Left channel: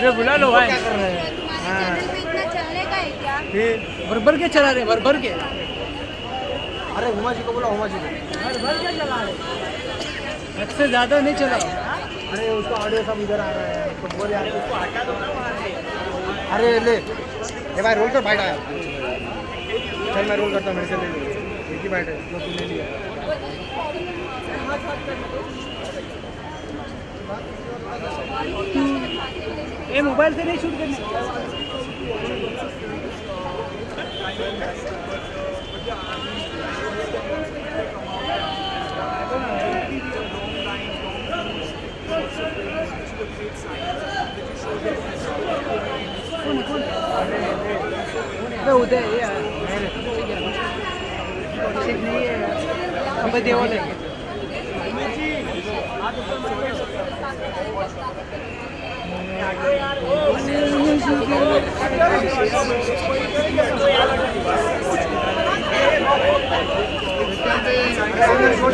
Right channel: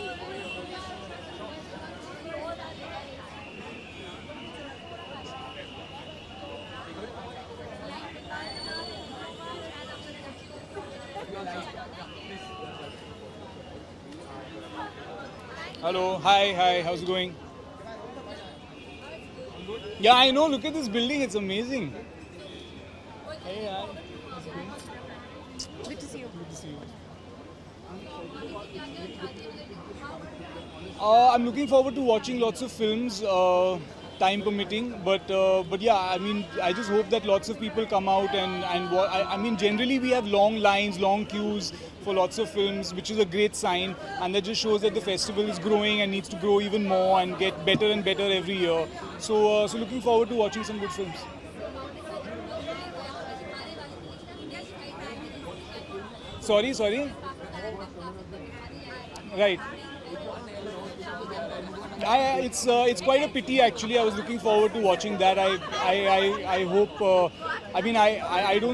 अरे बुला लो भाई। क्या कर रहे हैं? हाँ इतना चलेगा है क्या? फिर भर के चला रहे, भर के। अरे उमा जी को बोला, उमा जी को। भर के चला रहे, हद से ज्यादा नहीं चला। अरे उसका ऑडियो सब इधर आ रहा है, तो बोल यार उसको हटा दो ना वहाँ से। Hi, अरे how ले are you doing? ये भाई रोल कर बैठा है। Yeah, I मैं know, रोल look करता at हूँ, this मैं building, it's चले। amazing. ये बैठे, लो तू ले लिया। ये मोबाइल से नहीं शूट करना। I'm looking forward to watching lots of films, time permitting. But yeah, I mean, I just hope that lots of people come out and I mean, generally we have long lines, long queues for lots of films, which is a great sign, and that just shows that the festival is growing and needs to grow even more and get better and better every year. So looking forward to watching some of the films. Sorry. Right. It's quite a pity actually. I was looking forward to watching that. I hope.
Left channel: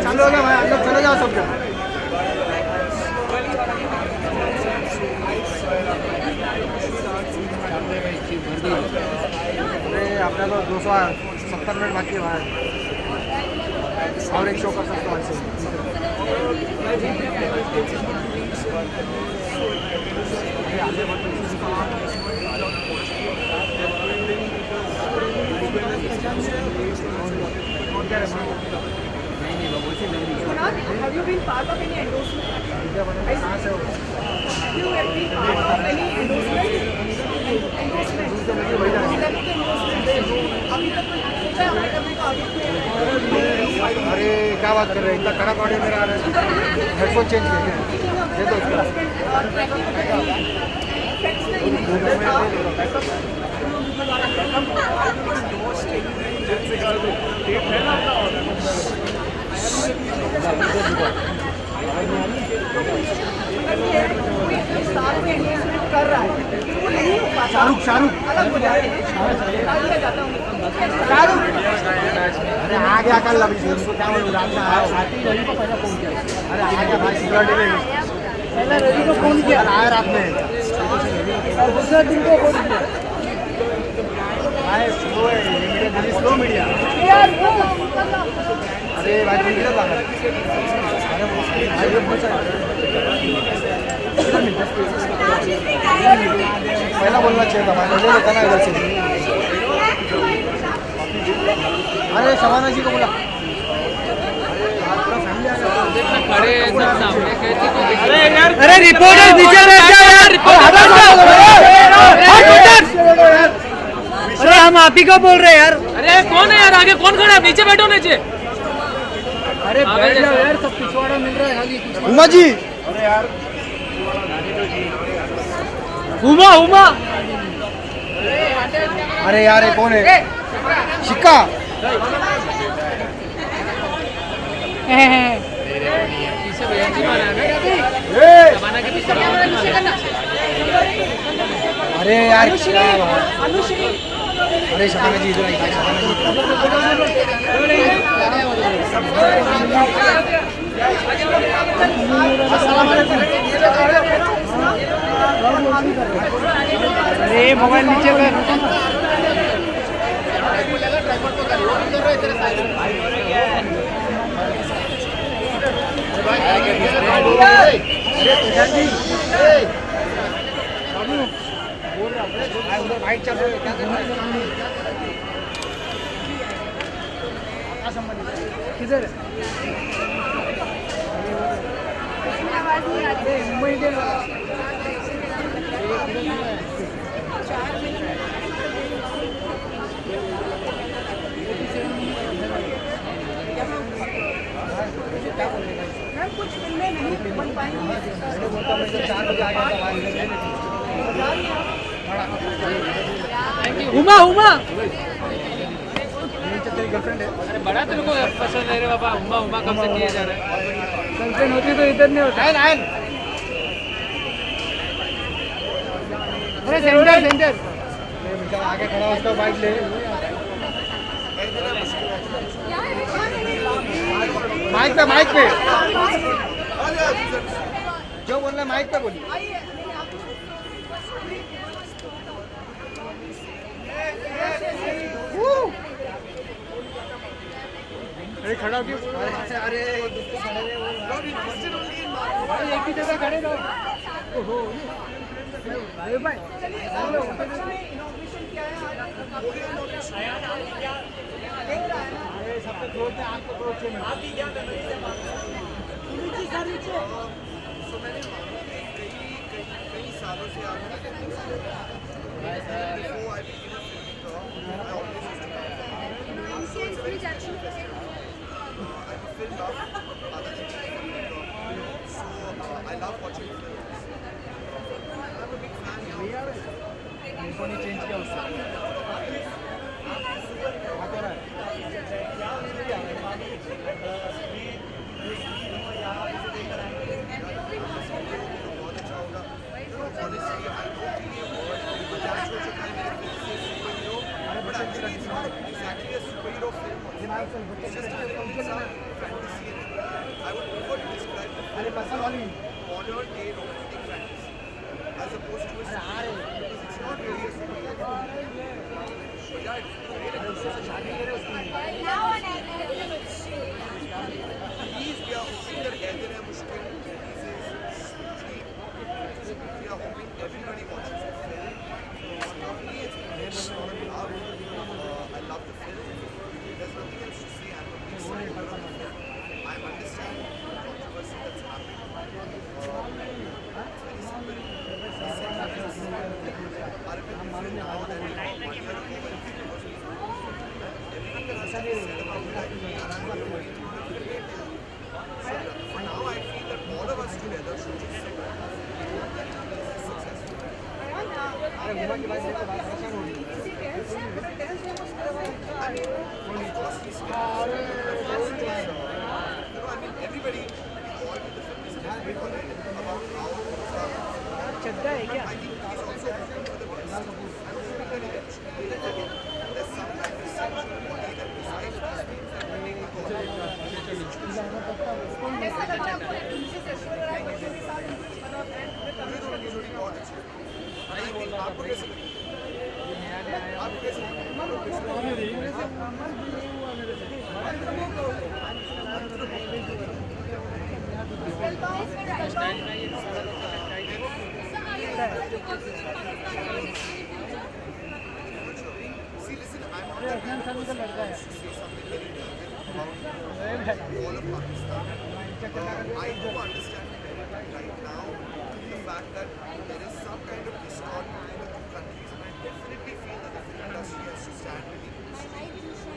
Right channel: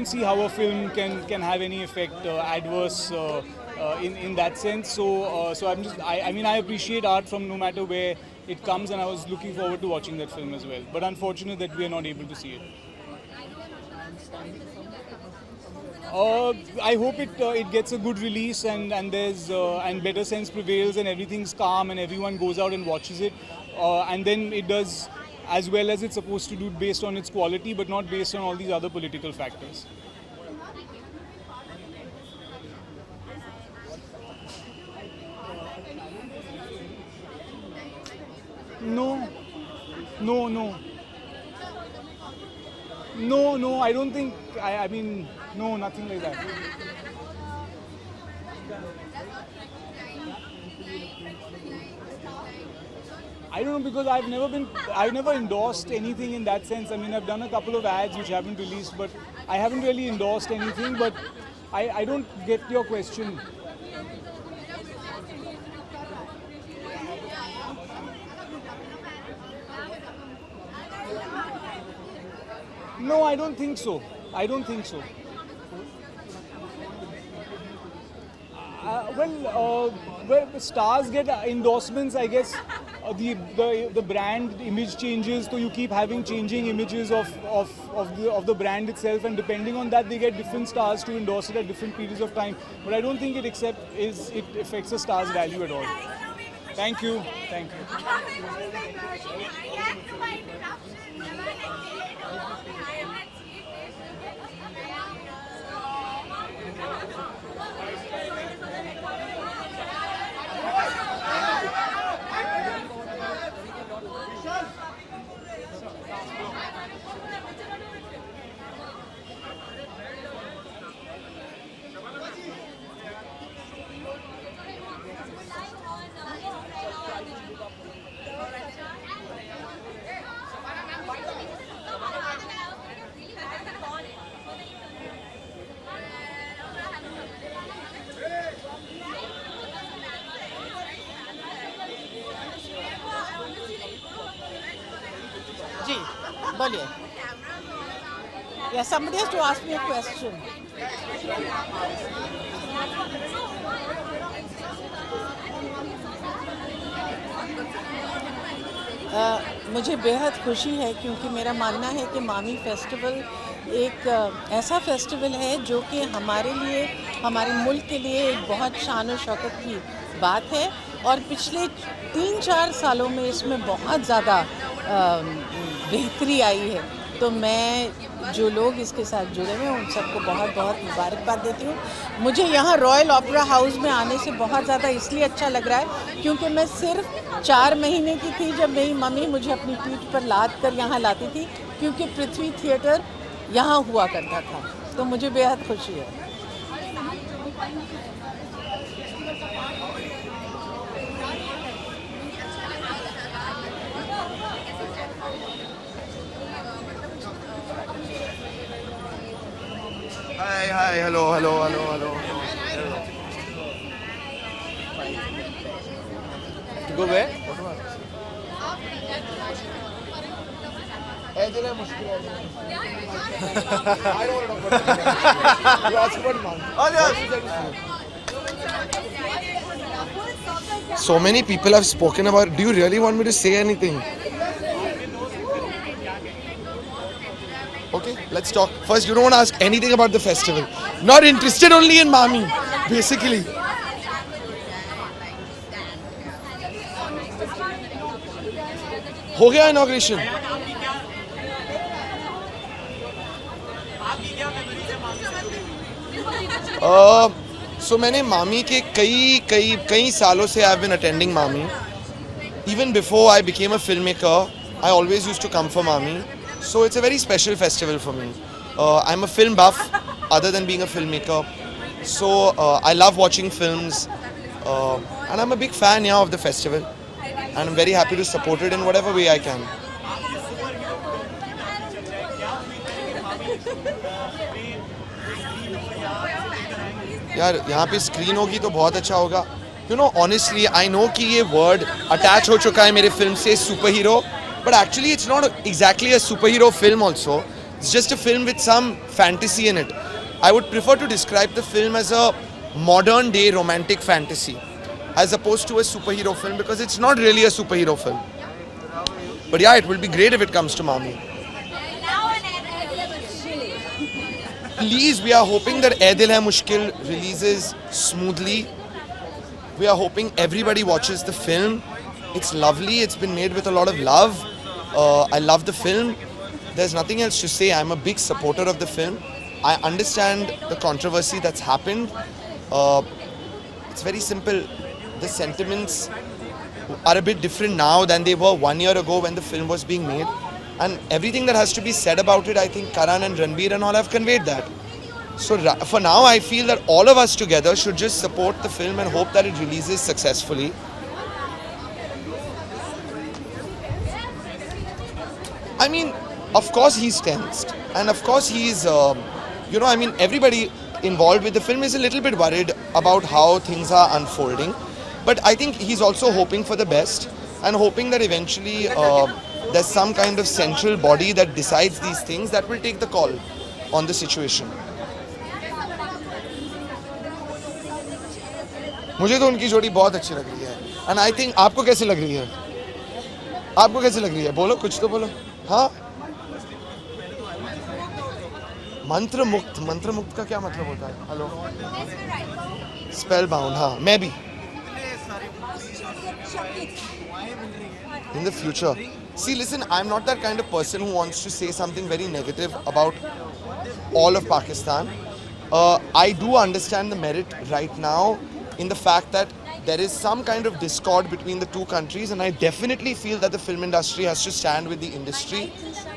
चलो ना भाई, अंदर चले जाओ सब लोग। Have any effect adverse in that sense. So I mean I appreciate art from no matter where it comes. And I was looking forward to अरे watching. अपने तो 270 मिनट बाकी है भाई, और एक शो कर सकते हो ऐसे। I hope it gets a good release and there's and better sense prevails and everything's calm and everyone goes out and watches it and then it does as well as it's supposed to do based on its quality but not based on all these other political factors. Have you been part of any endorsement? Have you been part of any endorsement? अरे क्या बात कर रहे हैं, इतना कड़क audio मेरा आ रहा है। हेडफोन चेंज किया क्या? दे दो उसको। I've never endorsed anything in that sense. I haven't really endorsed anything. But I really get your question. Shahrukh अरे आ गया कल अभी उसको क्या बोलूं, रात में आया, अरे आ गया भाई, सिक्योरिटी में पहले रवि को फोन किया, आया रात में। दूसरा दिन को फोन किया। The brand आए slow media of the brand अरे भाई मीडिया था that gives a different stars to पहला बोलना चाहिए था भाई, ले लेता ना इधर से। अरे शबाना जी को बोला, अरे रिपोर्टर नीचे बैठ जाओ यार, अरे हम आप ही को बोल रहे हैं यार। अरे कौन है यार, आगे कौन खड़ा है? नीचे बैठो नीचे। अरे बैठ जाओ यार, सब पिछवाड़ा मिल रहा है खाली। उमा जी, उमा अरे यार ये कौन है? शिक्का पीछे भैया जी माना है ना, जमाना के पीछे भैया जी माना है। अरे यार क्या बात। अरे शबाना जी इधर आई, शबाना जी अरे मोबाइल नीचे कर। मुझे बेहद खुशी है। ऐसा फेस्टिवल है जो कि बात है और पिछले 3-4 सालों में इसमें बहुत ज़्यादा बेहतरी आई है, तो मैं जो लोग इसके साथ जुड़े हैं उन सबको बहुत बहुत मुबारकबाद देती हूँ। मुझे यहाँ रॉयल ओपेरा हाउस में आने से बहुत ज़्यादा इसलिए अच्छा लग रहा है क्योंकि मैं सिर्फ 4 महीने की थी जब मेरी मम्मी मुझे अपनी पीठ पर लाद कर यहाँ लाती थी, क्योंकि पृथ्वी थिएटर यहाँ हुआ करता था, तो मुझे बेहद खुशी है। उमा बड़ा तेरे को पसंद है रे बाबा, उमा कब से किए जा रहे हैं? हेलो मुझे तो इधर नहीं होता है। अरे सेंटर आगे खड़ा उसका बाइक ले। बाइक पे जो बोलना माइक पे बोलिए। So many people have spoken about. Do you really want me to say anything? Okay, let's talk. First, you don't want to ask anything about the festival. Not interested only in Mami, basically. हो गया inauguration. So मैंने मामी के कई सालों से I've been attending Mami. Even before I became a filmmaker, I always used to come for Mami. So it's a very special festival for me. I'm a film buff, other than being a filmmaker. So I love watching films, and I'm a big fan of the festival. And I'm very happy to support it in whatever way I can. यार यहाँ पे screen होगी तो बहुत अच्छा होगा. You know, honestly, I know कि ये word attach हो चुका है मेरे फिल्म से super hero, but actually it's not exactly a superhero film also. It's just a film with some fantasy in it. I would prefer to describe the film as a modern day romantic fantasy as opposed to a superhero film, because it's not really a superhero film. But yeah, it will be great if it comes to Mami. Please, we are hoping that Ae Dil Hai Mushkil releases smoothly. We are hoping everybody watches the film. It's lovely. It's been made with a lot of love. I love the film. There's nothing else to say. I'm a big supporter of the film. I understand the controversy that's happened. It's very simple. The sentiments are a bit different now than they were 1 year ago when the film was being made. And everything that has to be said about it, I think Karan and Ranbir and all have conveyed that. So for now, I feel that all of us together should just support the film and hope that it releases successfully. I mean, of course he's tensed. And of course he's, everybody involved with the film is a little bit worried about how things are unfolding. But I think he's also hoping for the best and hoping that eventually there's some kind of central body that decides these things that will take the call on the situation. मुझे तो उनकी जोड़ी बहुत अच्छी लग रही है. And I think आपको कैसे लग रही है? आपको कैसे लग रही है? बोलो, कुछ तो बोलो. हाँ? मंत्र मुक्त का क्या मतलब होता है? हेलो? Spellbound, हाँ, मैं भी. In the future. See, listen, I'm not that kind of person who wants to say something very negative about all of Pakistan. I do understand the merit right now in the fact that there is some kind of discord between the two countries, and I definitely feel that the film industry has to stand with the industry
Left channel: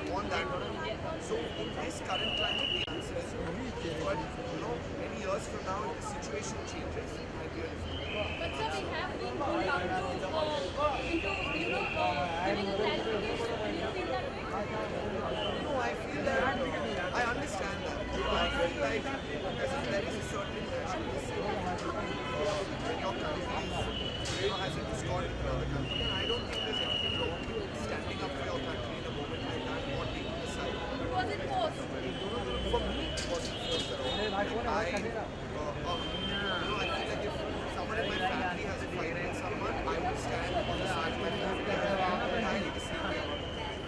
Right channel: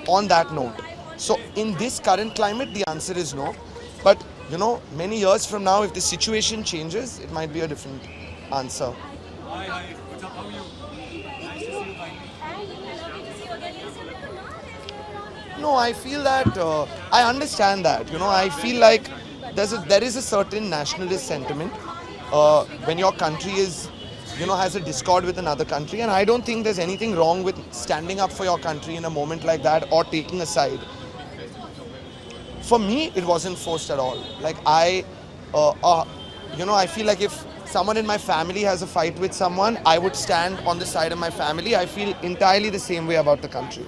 on that note. So in this current climate, the answer is no. But, you know, many years from now, if the situation changes, it might be a different answer. No, I feel that, I understand that, you know, I feel like there is a certain nationalist sentiment when your country is, you know, has a discord with another country, and I don't think there's anything wrong with standing up for your country in a moment like that or taking a side. For me, it wasn't forced at all. Like I feel like if someone in my family has a fight with someone, I would stand on the side of my family. I feel entirely the same way about the country.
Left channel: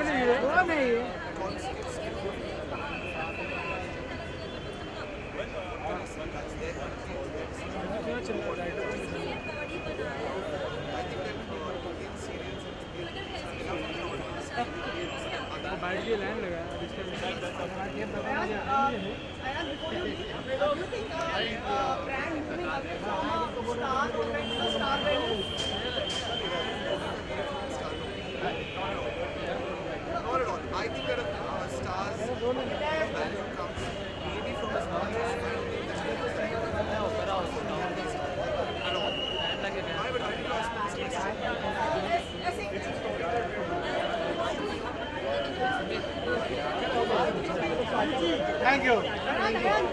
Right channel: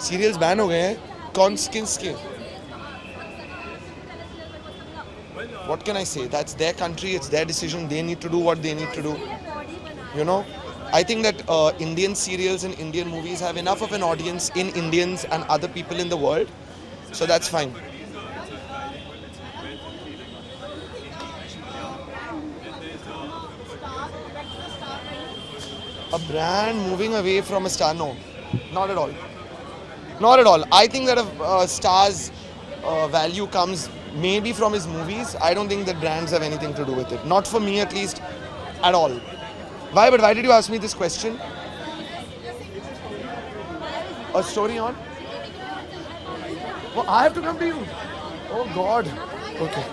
Serials ban हो गए हैं. कौन किसके? What can I say? That's their country. It's their decision. They need to do what they need to do. You know, I think that Indian serials and Indian movies have enough of an audience in Indians and other people in the world, so that's fine. A brand moving away from a star? No, not at all. Not at all. I think that a star's value comes maybe from his movies. I don't think that brands have anything to do with it. Not for me, at least, at all. Why? But why did you ask me this question? A story on? Oh, I have to come to you. Oh God. Okay.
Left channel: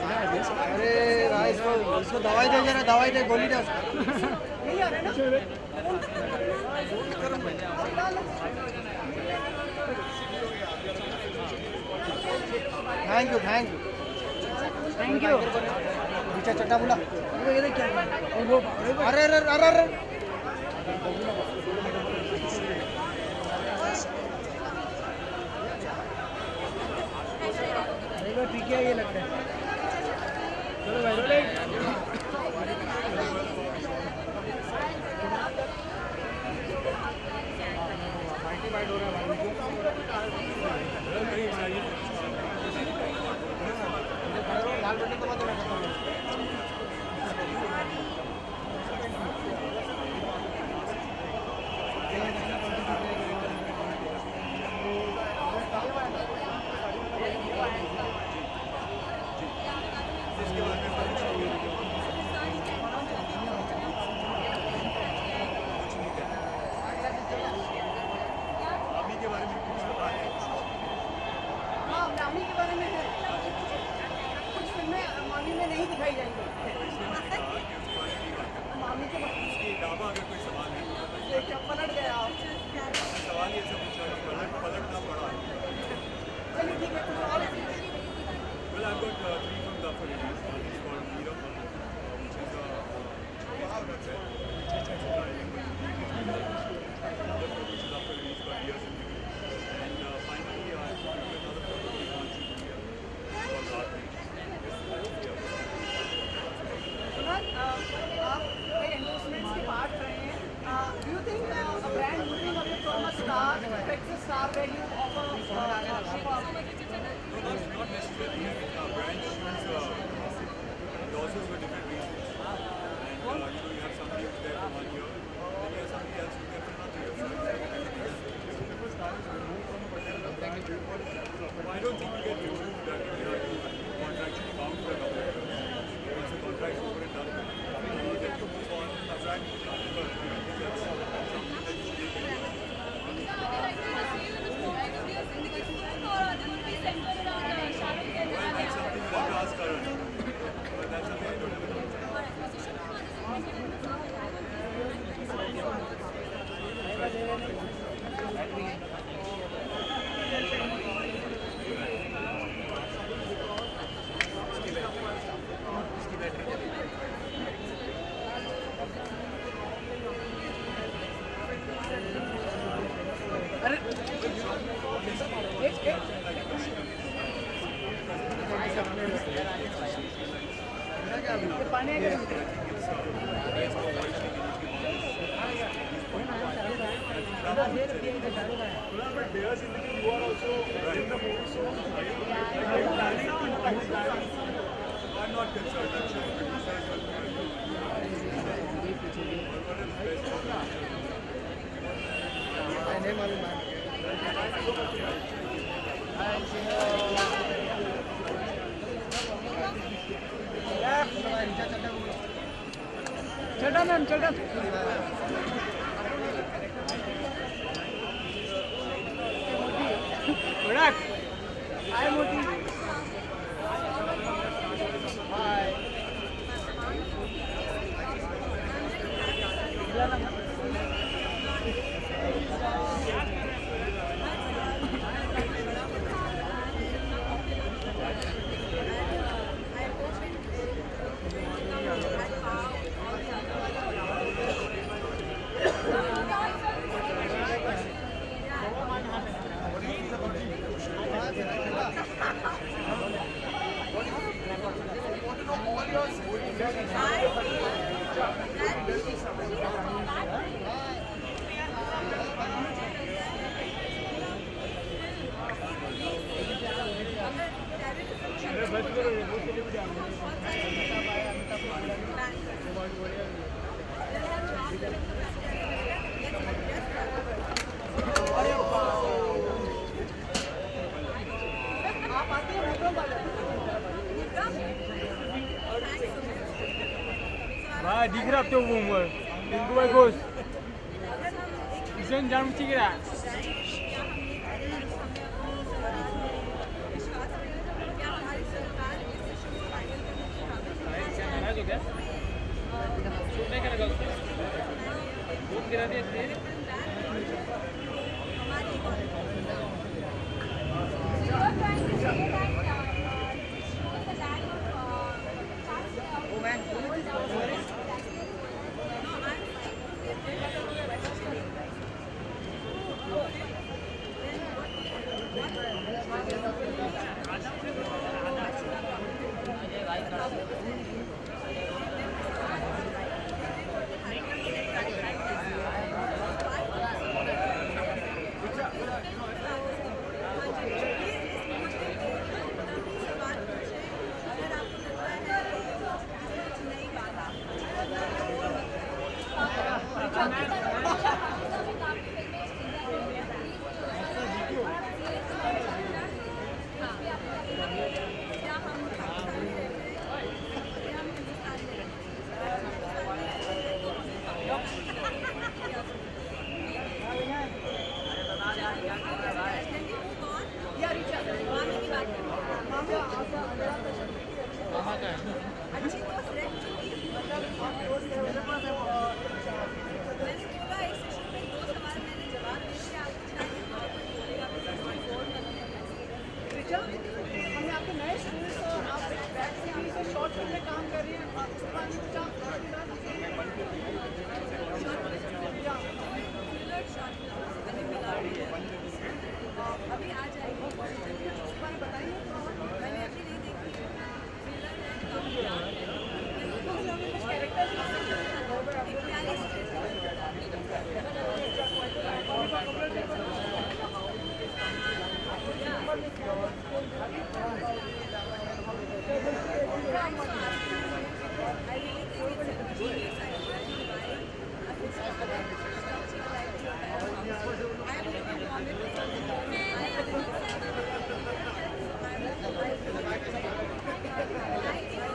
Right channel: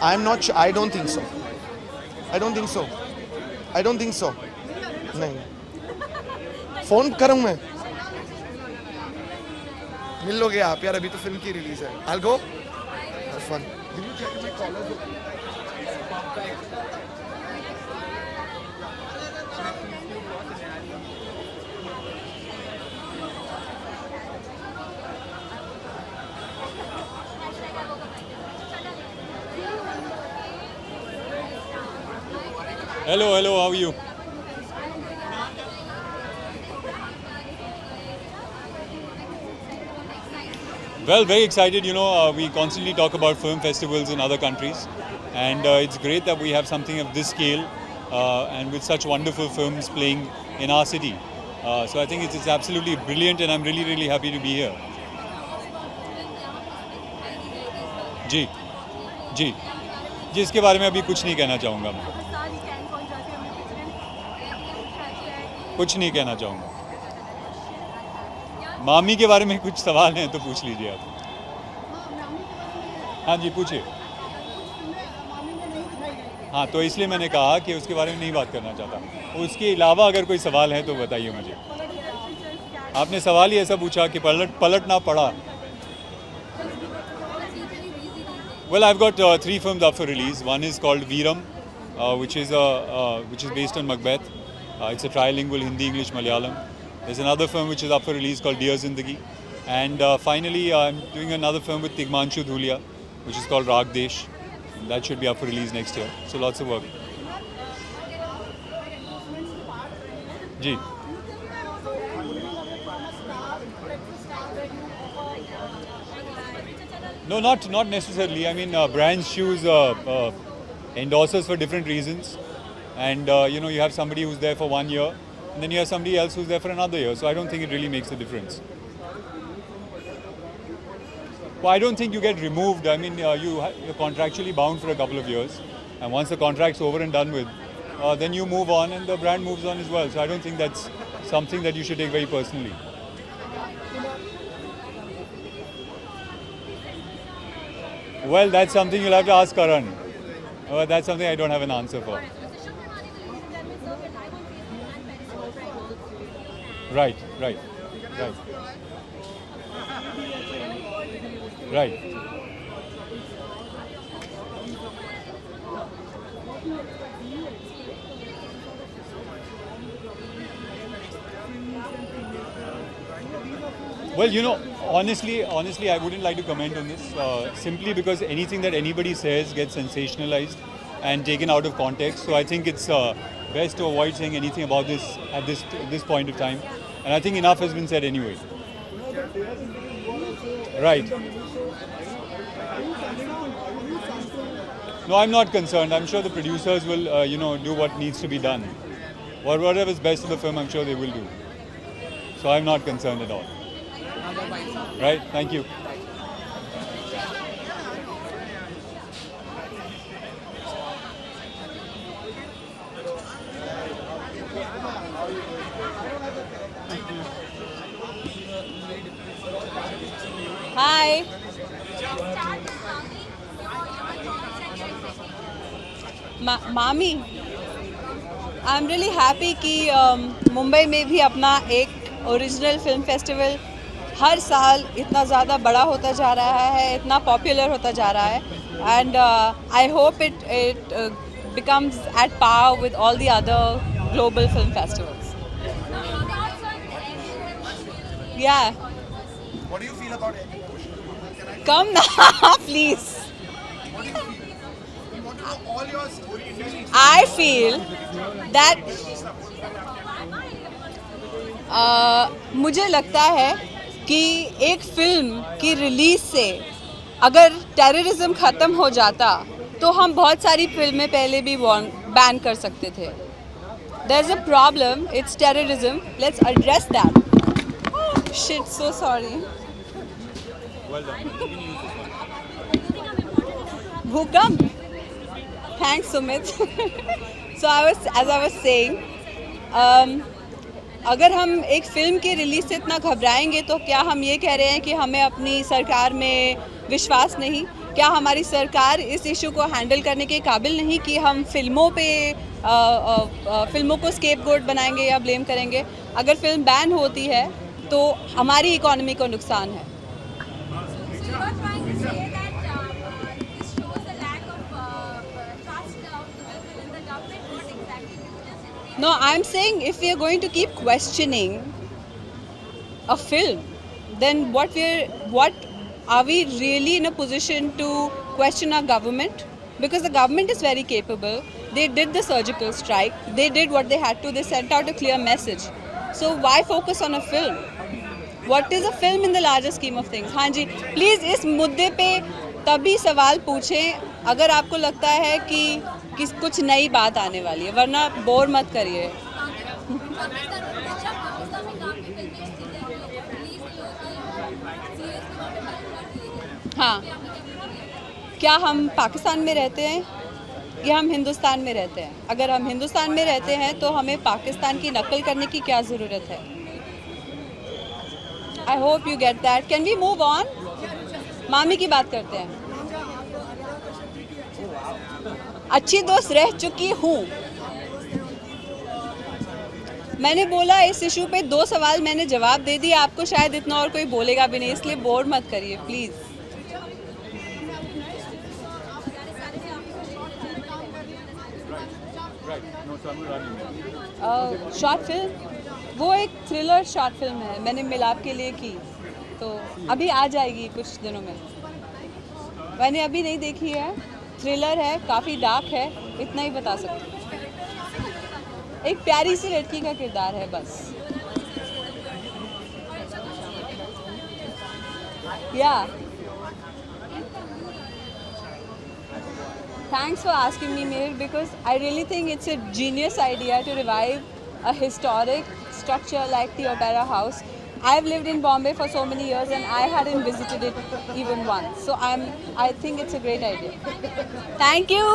I'm not sure. I don't think so. I don't think so. I don't think so. नहीं. Phone करूँ मैं. मिल लोगे आप यार, अभी तो film की release है. I'll go. थैंक यू चटा बोला अरे अरे अरे अरे Hello, how are you? Well, very excited. We constantly talk about film festivals in other countries, and it's great that we have something of this scale and with such wonderful films playing in our city. So I think it's absolutely brilliant, and I'm really, really happy to be here. जी जी जी इसके बारे में अभी कुछ नहीं कहना चाहूँगा, कुछ नहीं कहना चाहूँगा. मामी के बारे में कुछ सवाल हैं तो पूछ लीजिए आप. नामी के बारे में है, हाँ जी पूछिए. कुछ फिल्में मामी में नहीं दिखाई जाएंगी. हाँ तो इसलिए मैंने कहा कि उसके बारे में नहीं बात करना चाहता. उसके अलावा अगर कोई सवाल है तो बताइए मुझे. आपने सवाल ही ऐसा पूछा कि पलटना पड़ा. Well, I've got 3 films up for release. One is called Veeram, which is based on Macbeth. It's a trilingual Hindi, English, Malayalam. There's another film which is up for release called Dear Zindagi. And finally, I'm doing another film with Tigmanshu Dhulia, which is called Rag Desh. That should be up for release next year. So lots of work. Ji. No, not necessarily. I mean, brands choose endorsers for different reasons, and you have somebody who's there for 1 year, and then you have somebody else who's there for another year. So I don't think it really makes a difference. Well, I don't think you get removed. I mean, you're contractually bound for a couple of years, and once the contract's over and done with, then you move on, and the brand moves on as well. So I don't think that's something that you should take very personally. Well, that's something you'll have to ask Karan. That's something I don't have an answer for. Right. Well, honestly, I wouldn't like to comment on this simply because anything that anybody says gets sensationalized and taken out of context. So I think it's best to avoid saying anything about this at this point of time. And I think enough has been said anyway. Right. No, I'm not concerned. I'm sure the producers will, do what needs to be done. Or whatever is best for the film, I'm sure they will do. So I'm not concerned at all. Right, thank you. Hi. मामी, I'm really happy कि मुंबई में भी अपना एक original film festival हर साल इतना ज़्यादा बड़ा होता जा रहा है, इतना पॉपुलर होता जा रहा है, and I hope it becomes at par with all the other global film festivals. Yeah. What do you feel about it? Come now, please. What do you feel? We want to know all your stories. I feel that मुझे लगता है कि एक film की release से अगर terrorism ख़त्म हो जाता तो हम बहुत सारी फिल्में पहले भी बैन कर सकते थे. There's a problem, it's terrorism. Let's address that. Shit, so sorry. Bhukam? Thanks, Sumit. So as I was saying, अगर हम एक फ़िल्म के रिलीज़ से इतना घबराएंगे तो क्या हम ये कह रहे हैं कि हमें अपनी सरकार में विश्वास नहीं? क्या हमारी सरकार इस इशू को हैंडल करने के काबिल नहीं कि हम फिल्मों को स्केपगोट बनाएंगे या ब्लेम करेंगे? अगर फिल्म बैन होती है तो हमारी इकोनॉमी को नुकसान है, are trying to say that this shows the lack of trust people down there. What exactly? No, I'm saying if we are going to keep questioning a film, then what are we really in a position to question our government? Because the government is very capable. They did the surgical strike. They did what they had to. They sent out a clear message. So why focus on a film? What is a film in the larger scheme of things? हाँ जी, please इस मुद्दे पे तभी सवाल पूछें अगर आपको लगता है कि कुछ नई बात आने वाली है, वरना बोर मत करिए. हाँ, क्या हम पाकिस्तान में रहते हैं या हम हिंदुस्तान में रहते हैं? अगर हम हिंदुस्तान में रहते हैं तो हमें पाकिस्तान की नकल करने की क्या ज़रूरत है? I hope you get that. Can we move on? मामी की बात करते हैं. अच्छी दोस्त रह चुकी हूँ. मैंने बोला इस इशू पे 2 सवाल मैंने जवाब दे दिए. आपको शायद इतना और कोई बोलेगा भी नहीं, इसलिए बोर मत करिए प्लीज़. शॉर्ट फिल्म, वो एक थ्रिलर शॉर्ट फिल्म है, मैंने मिलाप के लिए की, तो अभी आ जाएगी कुछ दिनों में. मैंने अभी नहीं देखी है. थ्रिलर है, काफ़ी डार्क है, इतना ही बता सकती हूँ. एक प्यारी सी लड़की का किरदार है बस. या thanks for asking me, Mir, because I really think it's a genius idea to revive a historic structure like the Opera House. I've lived in Bombay for so many years and I hadn't visited it even once. So I think it's a great idea. Thank you.